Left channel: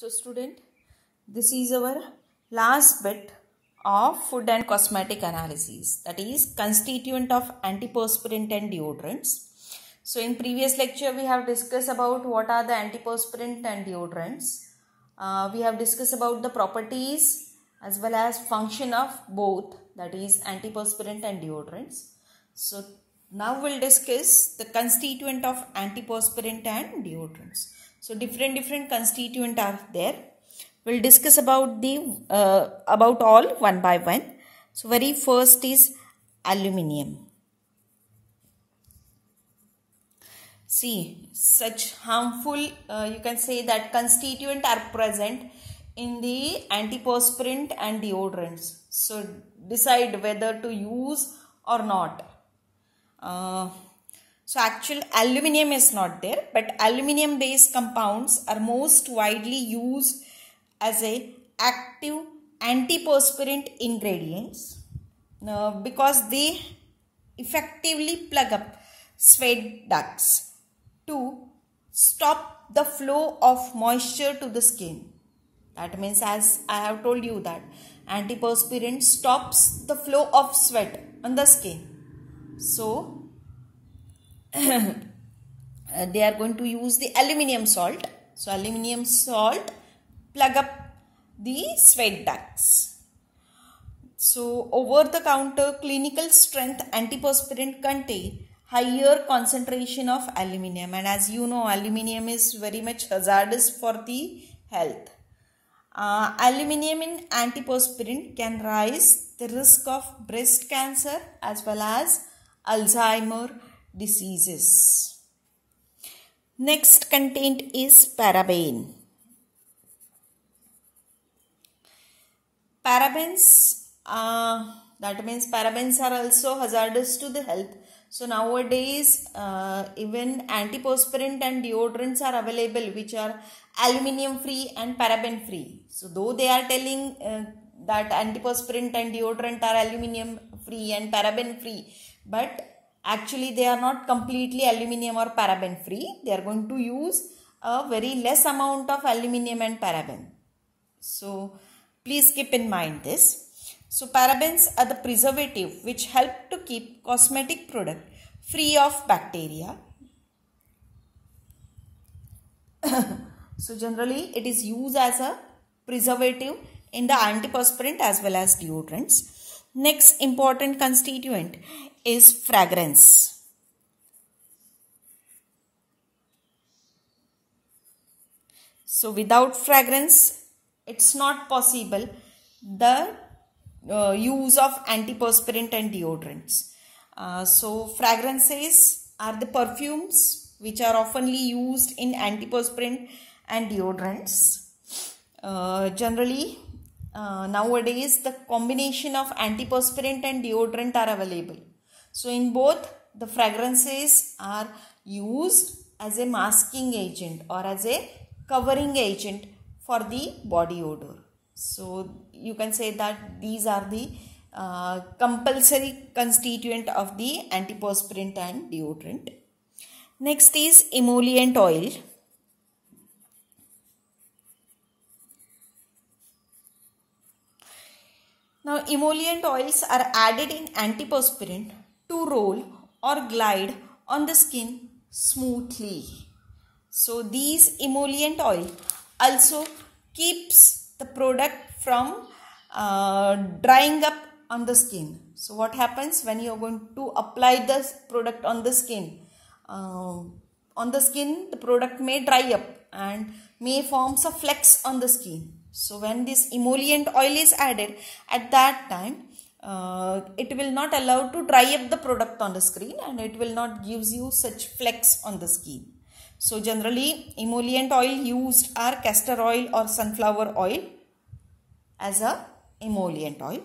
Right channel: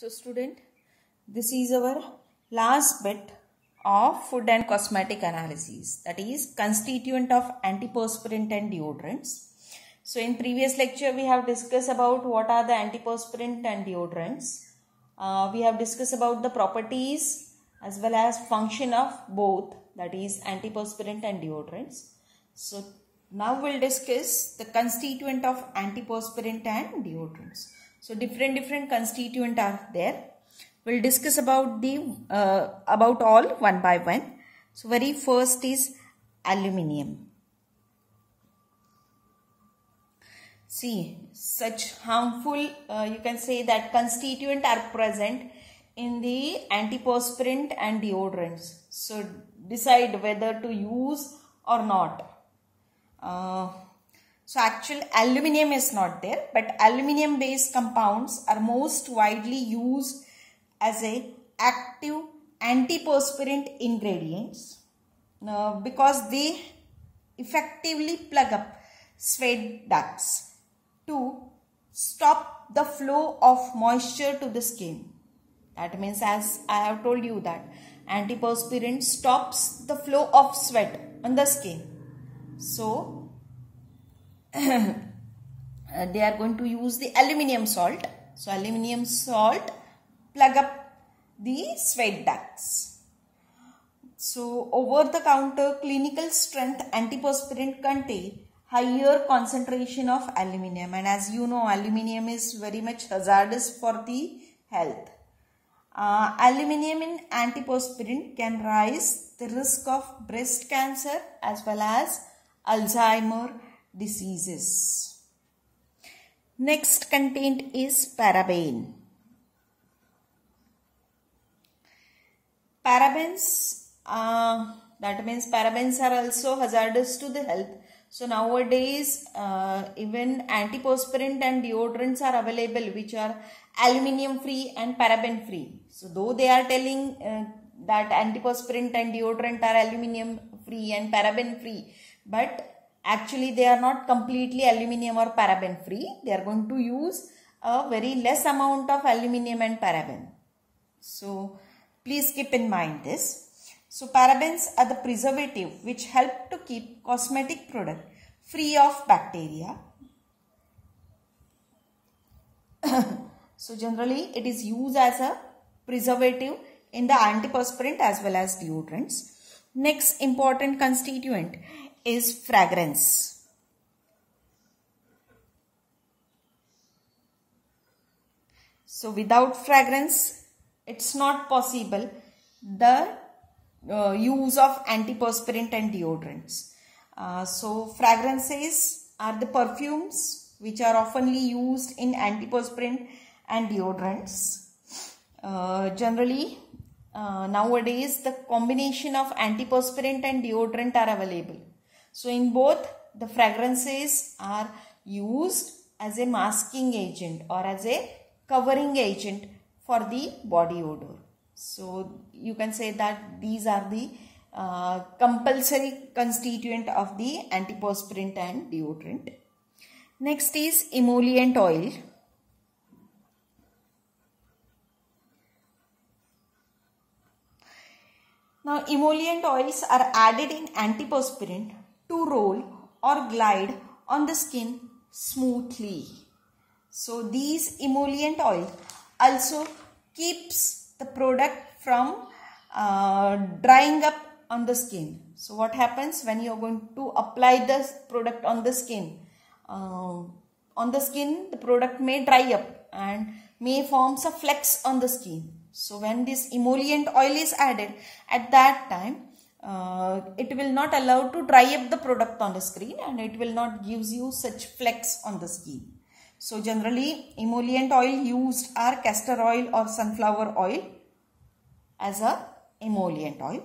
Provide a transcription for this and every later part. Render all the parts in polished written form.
So student, this is our last bit of food and cosmetic analysis, that is constituent of antiperspirant and deodorants. So in previous lecture we have discussed about what are the antiperspirant and deodorants. We have discussed about the properties as well as function of both, that is antiperspirant and deodorants. So now we'll discuss the constituent of antiperspirant and deodorants. So different constituent are there. We'll discuss about about all one by one. So very first is aluminium. See, such harmful you can say that constituent are present in the antiperspirant and deodorants. So decide whether to use or not. So actual aluminium is not there, but aluminium based compounds are most widely used as a active antiperspirant ingredients because they effectively plug up sweat ducts to stop the flow of moisture to the skin. That means, as I have told you, that antiperspirant stops the flow of sweat on the skin. So they are going to use the aluminium salt. So aluminium salt plug up the sweat ducts. So over the counter clinical strength antiperspirant contain higher concentration of aluminium, and as you know, aluminium is very much hazardous for the health. Aluminium in antiperspirant can rise the risk of breast cancer as well as Alzheimer's diseases. Next content is paraben. Parabens, that means parabens are also hazardous to the health. So nowadays even antiperspirant and deodorants are available which are aluminium free and paraben free. So though they are telling that antiperspirant and deodorant are aluminium free and paraben free, but actually they are not completely aluminium or paraben free. They are going to use a very less amount of aluminium and paraben. So please keep in mind this. So parabens are the preservative which help to keep cosmetic product free of bacteria. So generally it is used as a preservative in the antiperspirant as well as deodorants. Next important constituent is fragrance. So without fragrance, it's not possible the use of antiperspirant and deodorants. So fragrances are the perfumes which are oftenly used in antiperspirant and deodorants. Generally nowadays the combination of antiperspirant and deodorant are available. So in both, the fragrances are used as a masking agent or as a covering agent for the body odor. So you can say that these are the compulsory constituent of the antiperspirant and deodorant. Next is emollient oil. Now emollient oils are added in antiperspirant to roll or glide on the skin smoothly. So these emollient oil also keeps the product from drying up on the skin. So what happens when you are going to apply the product on the skin? The product may dry up and may form some flecks on the skin. So when this emollient oil is added, at that time it will not allow to dry up the product on the screen and it will not gives you such flecks on the skin. So generally emollient oil used are castor oil or sunflower oil as a emollient oil.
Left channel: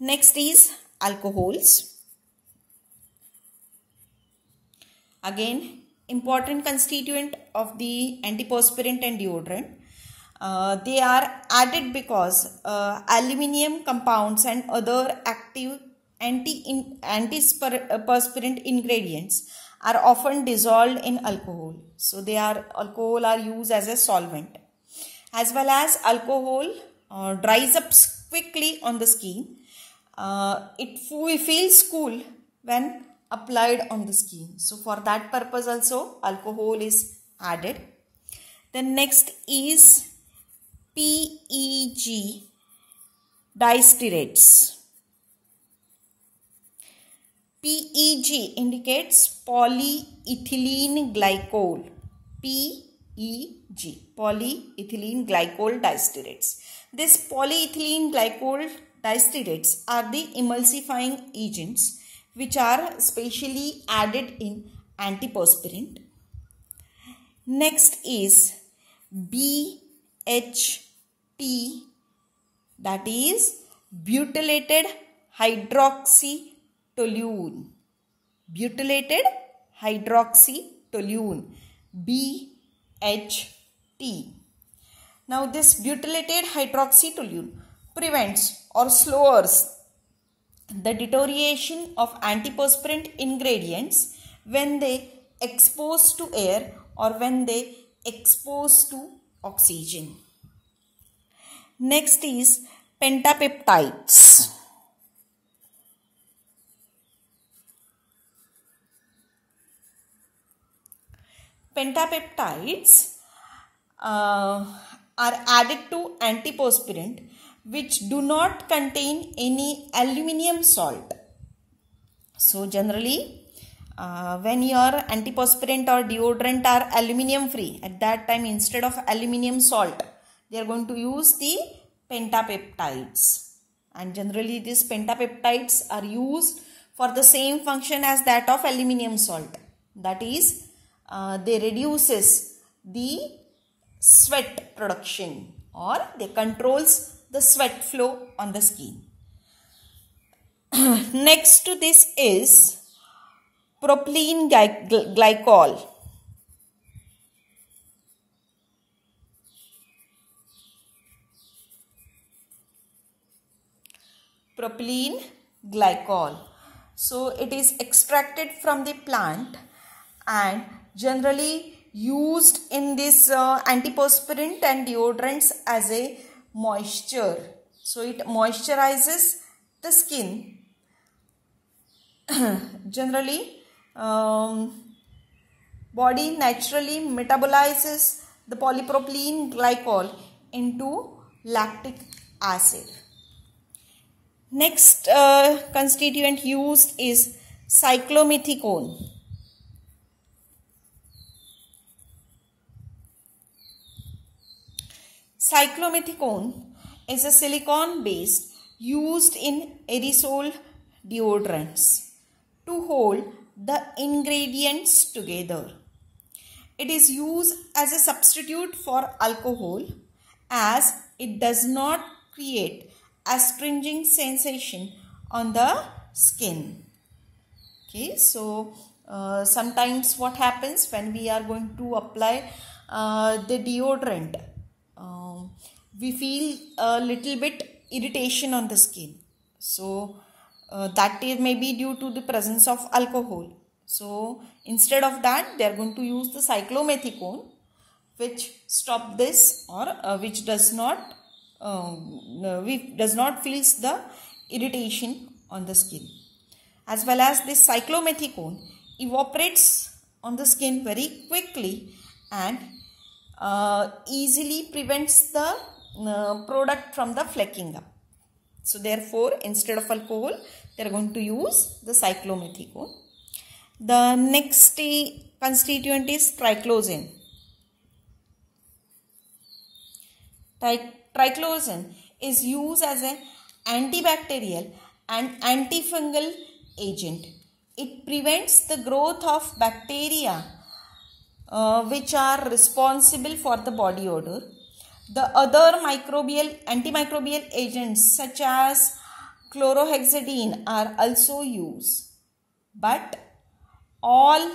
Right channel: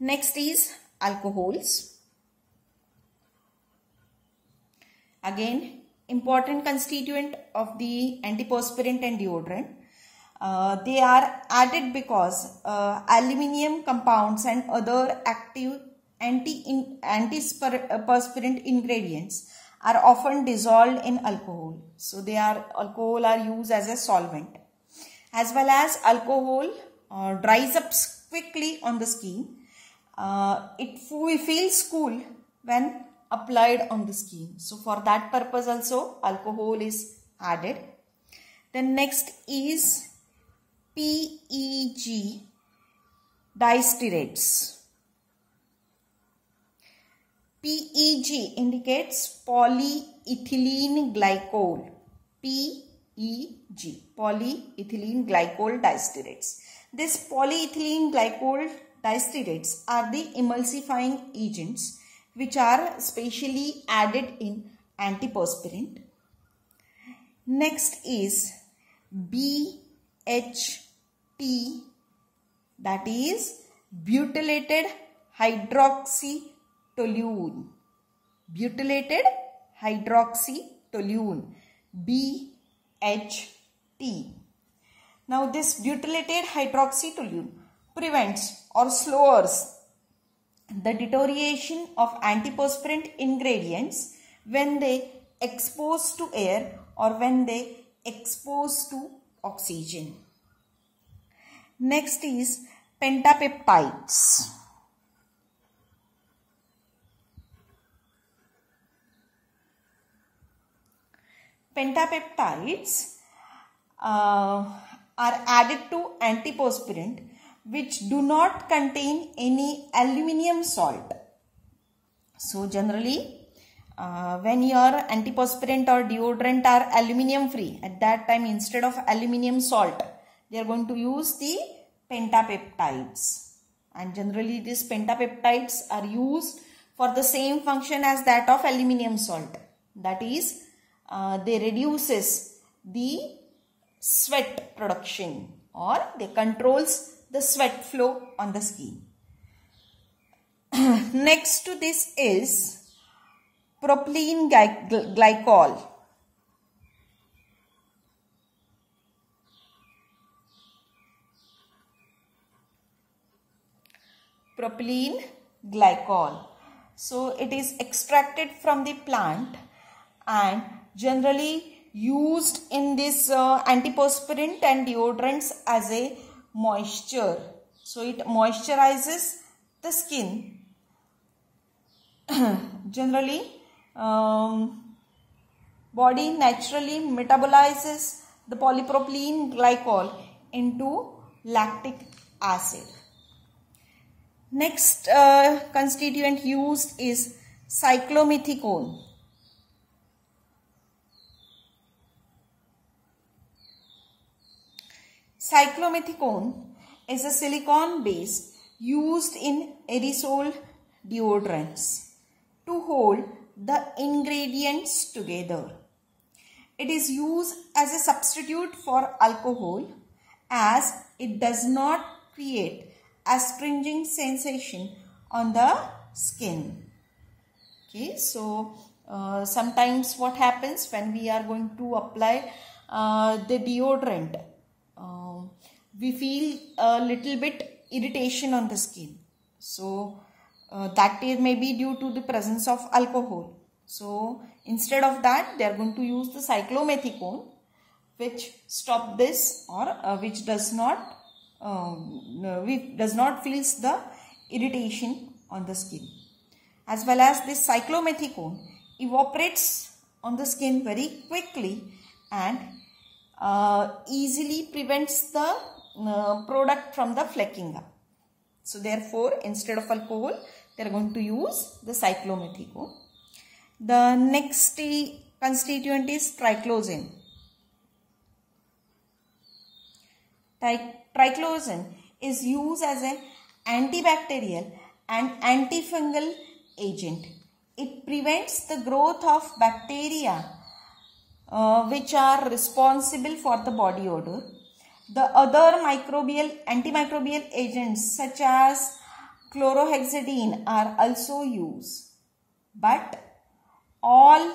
Next is alcohols. Again, important constituent of the antiperspirant and deodorant. They are added because aluminium compounds and other active antiperspirant ingredients are often dissolved in alcohol. So alcohol are used as a solvent. as well as alcohol dries up quickly on the skin. It feels cool when applied on the skin. So for that purpose also alcohol is added. Then next is PEG distearates. PEG indicates polyethylene glycol. PEG, polyethylene glycol distearates. This polyethylene glycol distearates are the emulsifying agents which are specially added in antiperspirant. Next is BHT, that is butylated hydroxytoluene. Butylated hydroxytoluene, BHT. Now this butylated hydroxytoluene prevents or slows the deterioration of antiperspirant ingredients when they expose to air or when they expose to oxygen. Next is pentapeptides. Pentapeptides are added to antiperspirant which do not contain any aluminium salt. So generally when your antiperspirant or deodorant are aluminium free, at that time instead of aluminium salt they are going to use the pentapeptides, and generally these pentapeptides are used for the same function as that of aluminium salt, that is they reduces the sweat production or they controls the sweat flow on the skin. Next to this is propylene glycol. Propylene glycol. So it is extracted from the plant and generally used in this antiperspirant and deodorants as a moisture. So it moisturizes the skin. Generally body naturally metabolizes the polypropylene glycol into lactic acid. Next constituent used is cyclomethicone. Cyclomethicone is a silicone base used in aerosol deodorants to hold the ingredients together. It is used as a substitute for alcohol as it does not create astringent sensation on the skin. Okay, so sometimes what happens when we are going to apply the deodorant, we feel a little bit irritation on the skin. So that is maybe due to the presence of alcohol. So instead of that, they are going to use the cyclomethicone, which stop this or which does not feels the irritation on the skin. As well as this cyclomethicone evaporates on the skin very quickly and easily prevents the product from the flecking up. So therefore, instead of alcohol, they are going to use the cyclomethicone. The next constituent is triclosan. Triclosan is used as an antibacterial and antifungal agent. It prevents the growth of bacteria which are responsible for the body odor. The other antimicrobial agents such as chlorhexidine are also used. But all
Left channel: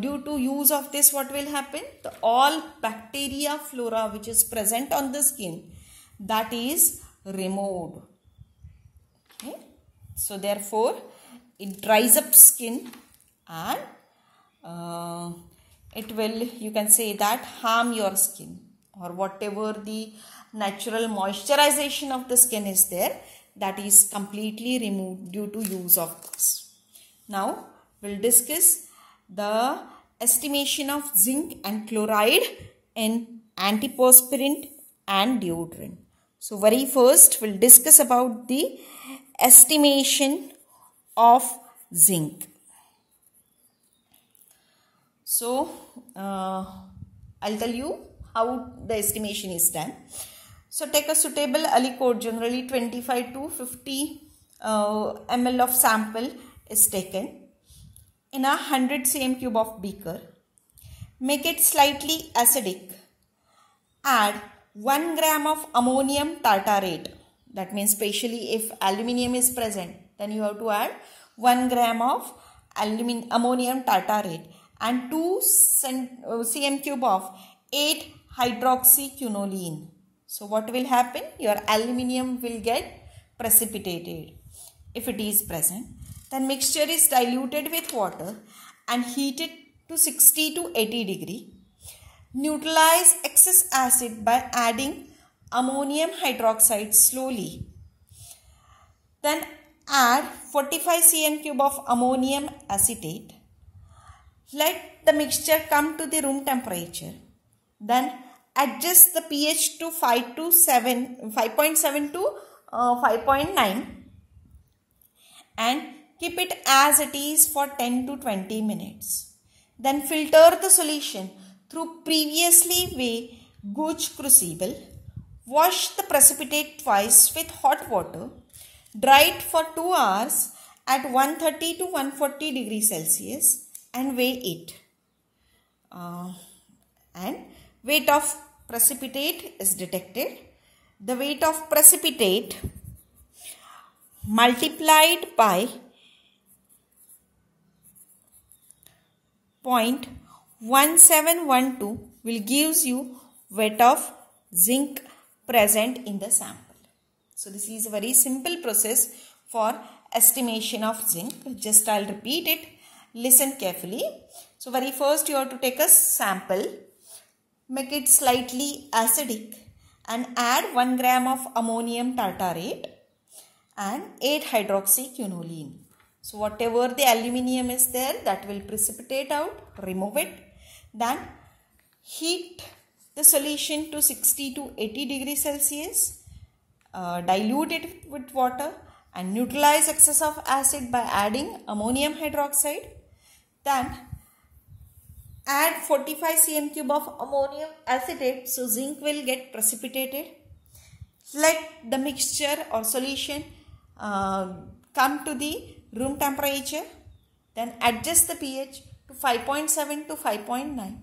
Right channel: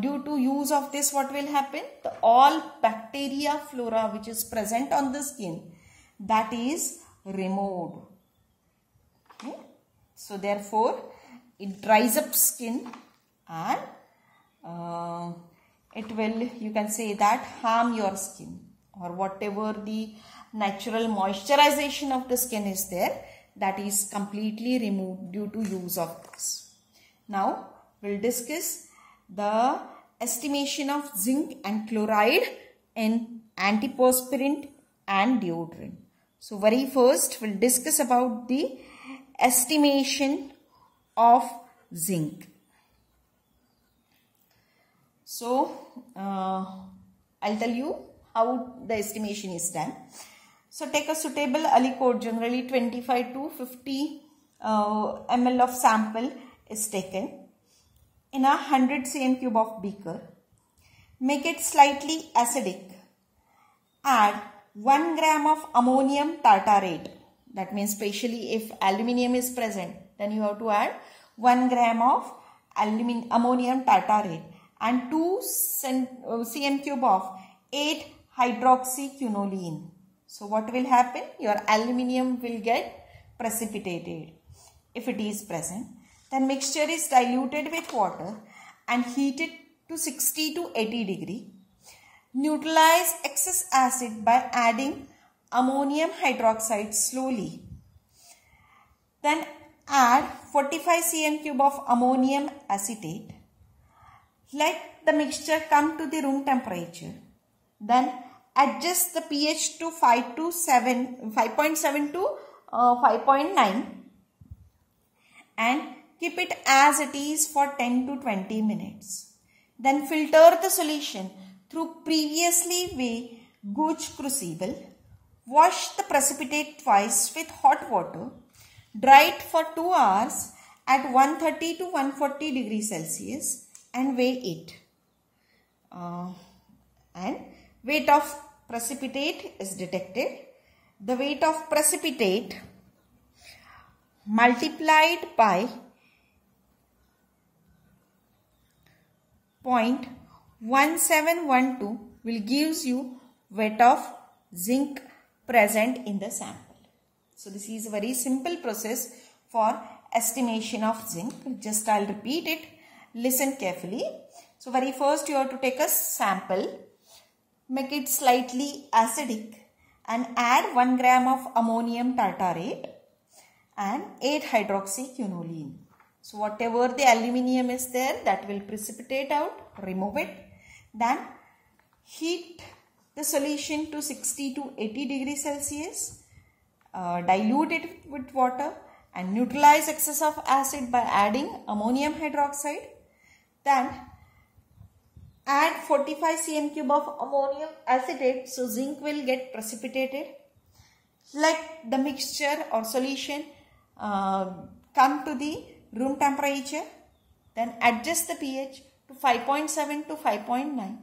due to use of this, what will happen? All bacteria flora which is present on the skin, that is removed. Okay? So therefore, it dries up skin and it will, you can say that, harm your skin. or whatever the natural moisturization of the skin is there, that is completely removed due to use of this. Now we'll discuss the estimation of zinc and chloride in antiperspirant and deodorant. So very first we'll discuss about the estimation of zinc. So I'll tell you how the estimation is done. So take a suitable aliquot, generally 25 to 50 ml of sample is taken in a 100 cm cube of beaker. Make it slightly acidic. Add 1 gram of ammonium tartarate. That means especially if aluminium is present, then you have to add 1 gram of ammonium tartarate and 2 cm cube of 8-hydroxyquinoline. So what will happen? Your aluminium will get precipitated if it is present. Then mixture is diluted with water and heated to 60 to 80 degree. Neutralize excess acid by adding ammonium hydroxide slowly. Then add 45 cm cube of ammonium acetate. Let the mixture come to the room temperature. Then adjust the pH to 5.7 to 5.9 and keep it as it is for 10 to 20 minutes. Then filter the solution through previously weighed gauge crucible. Wash the precipitate twice with hot water. Dry it for 2 hours at 130 to 140 degrees Celsius and weigh it. And weight of precipitate is detected. The weight of precipitate multiplied by 0.1712 will gives you weight of zinc present in the sample. So this is a very simple process for estimation of zinc. Just I'll repeat it. Listen carefully. So very first you have to take a sample, make it slightly acidic and add 1 gram of ammonium tartarate and 8-hydroxyquinoline. So whatever the aluminium is there, that will precipitate out, remove it. Then heat the solution to 60 to 80 degrees Celsius, dilute it with water and neutralize excess of acid by adding ammonium hydroxide. Then add 45 cm cube of ammonium acetate, so zinc will get precipitated. Let the mixture or solution come to the room temperature. Then adjust the pH to 5.7 to 5.9.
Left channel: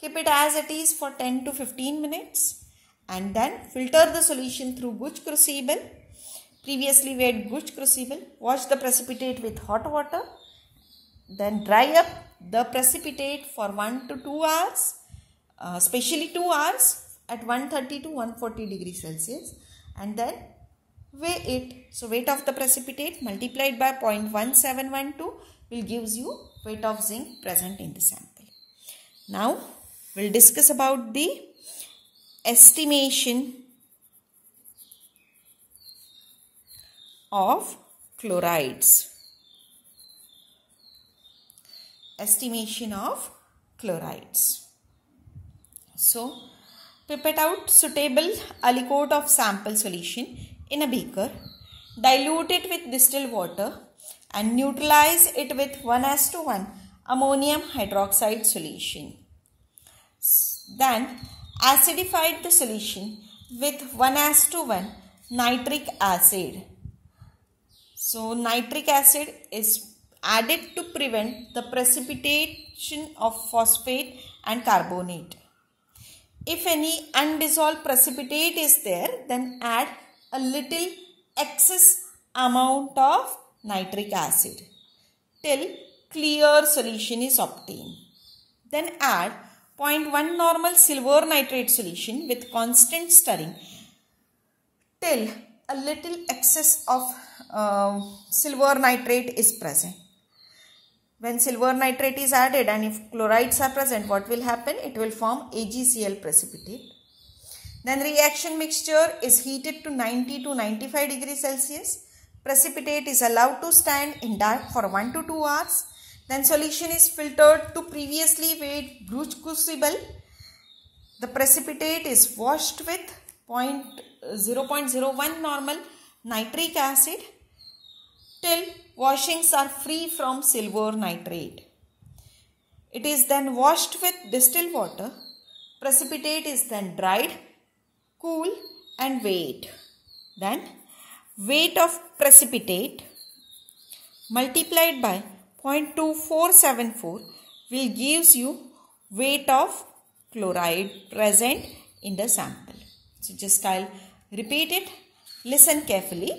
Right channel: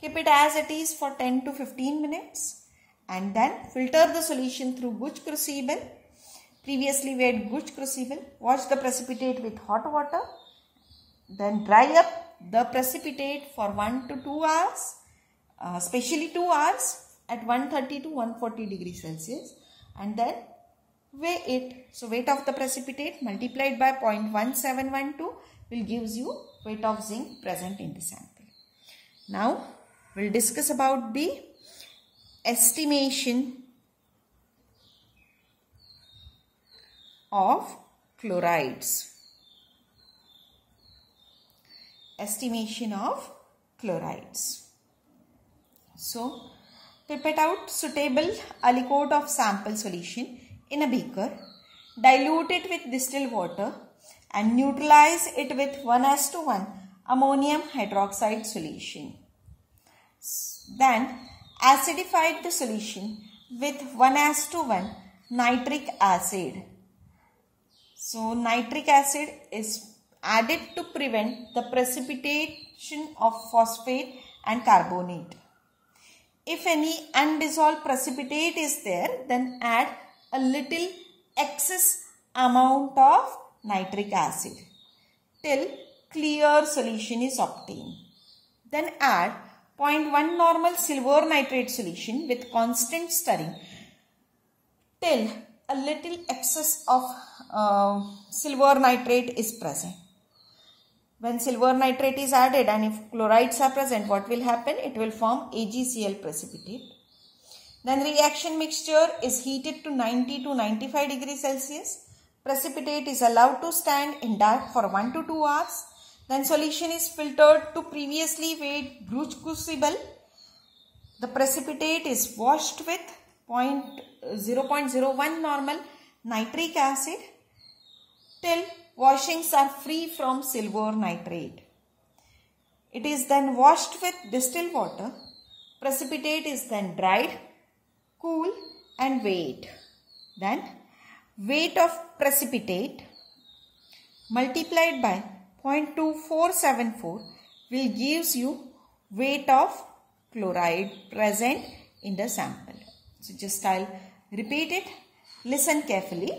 Keep it as it is for 10 to 15 minutes. And then filter the solution through gauge crucible. Previously weighed gauge crucible. Wash the precipitate with hot water. Then dry up the precipitate for 1 to 2 hours, especially 2 hours at 130 to 140 degrees Celsius, and then weigh it. So weight of the precipitate multiplied by 0.1712 will gives you weight of zinc present in the sample. Now we'll discuss about the estimation of chlorides. Estimation of chlorides. So pipette out suitable aliquot of sample solution in a beaker, dilute it with distilled water and neutralize it with 1:1 ammonium hydroxide solution. Then acidify the solution with 1:1 nitric acid. So nitric acid is added to prevent the precipitation of phosphate and carbonate. If any undissolved precipitate is there, then add a little excess amount of nitric acid till clear solution is obtained. Then add 0.1 normal silver nitrate solution with constant stirring till a little excess of silver nitrate is present. When silver nitrate is added and if chlorides are present, what will happen? It will form AgCl precipitate. Then reaction mixture is heated to 90 to 95 degrees Celsius. Precipitate is allowed to stand in dark for 1 to 2 hours. Then solution is filtered to previously weighed Bruch crucible. The precipitate is washed with 0.01 normal nitric acid till washings are free from silver nitrate. It is then washed with distilled water. Precipitate is then dried, cool and weighed. Then weight of precipitate multiplied by 0.2474 will gives you weight of chloride present in the sample. So just I'll repeat it. Listen carefully.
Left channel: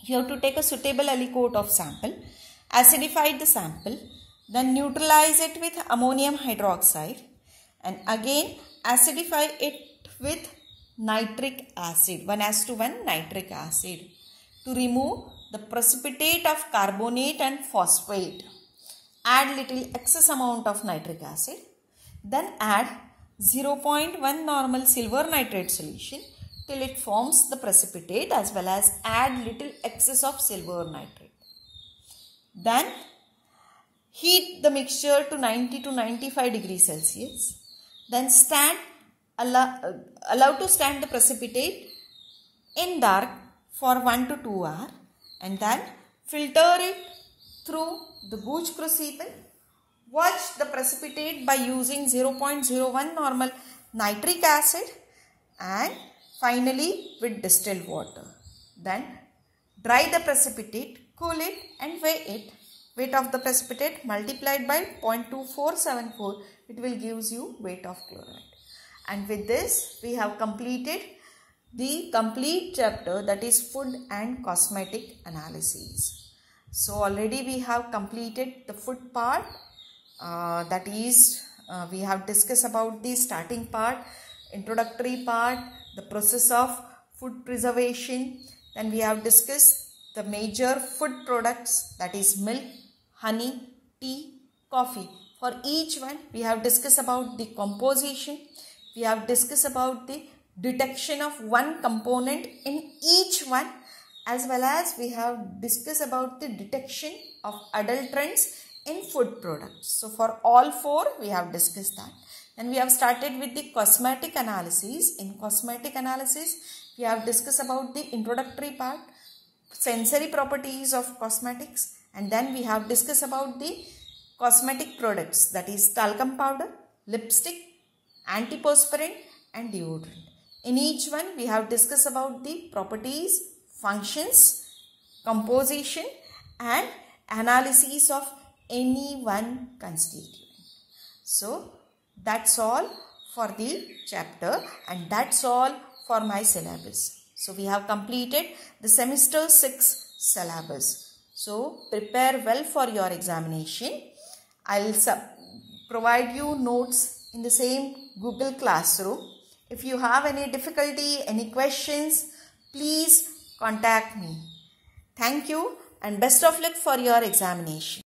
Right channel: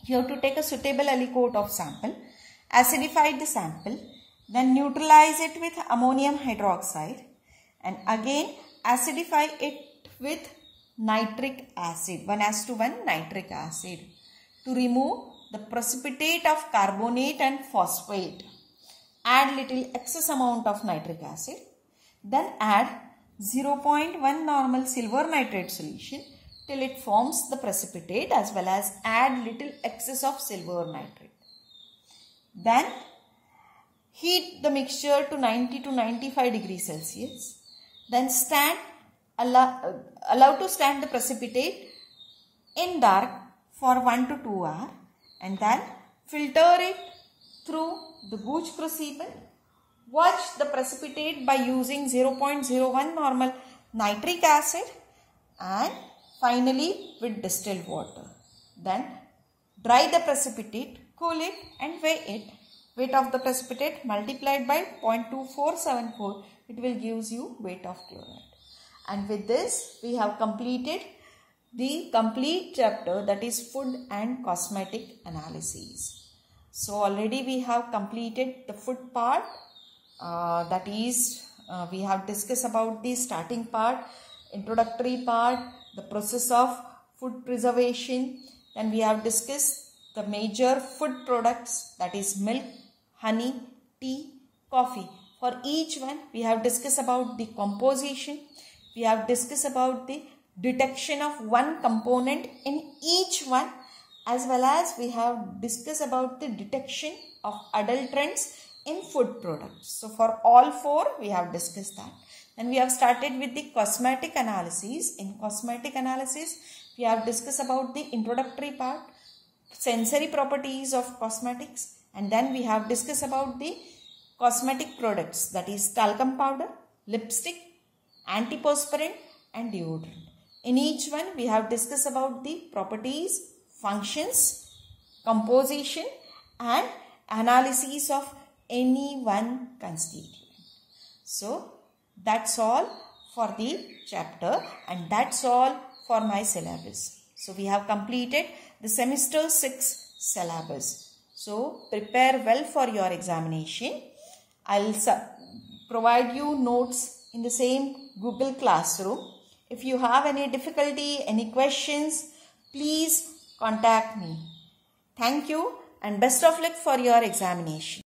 You have to take a suitable aliquot of sample, acidify the sample, then neutralize it with ammonium hydroxide and again acidify it with nitric acid, 1:1 nitric acid to remove the precipitate of carbonate and phosphate. Add little excess amount of nitric acid. Then add 0.1 normal silver nitrate solution till it forms the precipitate, as well as add little excess of silver nitrate. Then heat the mixture to 90 to 95 degrees Celsius. Then allow to stand the precipitate in dark for 1 to 2 hours and then filter it through the Bruch crucible. Wash the precipitate by using 0.01 normal nitric acid and finally with distilled water. Then dry the precipitate, cool it and weigh it. Weight of the precipitate multiplied by 0.2474, it will gives you weight of chloride. And with this we have completed the complete chapter, that is food and cosmetic analyses. So already we have completed the food part. That is we have discussed about the starting part, introductory part, the process of food preservation. Then we have discussed the major food products, that is milk, honey, tea, coffee. For each one we have discussed about the composition. We have discussed about the detection of one component in each one, as well as we have discussed about the detection of adulterants in food products. So for all four we have discussed that. And we have started with the cosmetic analysis. In cosmetic analysis we have discussed about the introductory part, sensory properties of cosmetics, and then we have discussed about the cosmetic products, that is talcum powder, lipstick, antiperspirant and deodorant. In each one we have discussed about the properties, functions, composition and analysis of any one constituent. So that's all for the chapter and that's all for my syllabus. So we have completed the semester 6 syllabus. So prepare well for your examination. I'll provide you notes in the same Google Classroom. If you have any difficulty, any questions, please contact me. Thank you and best of luck for your examination.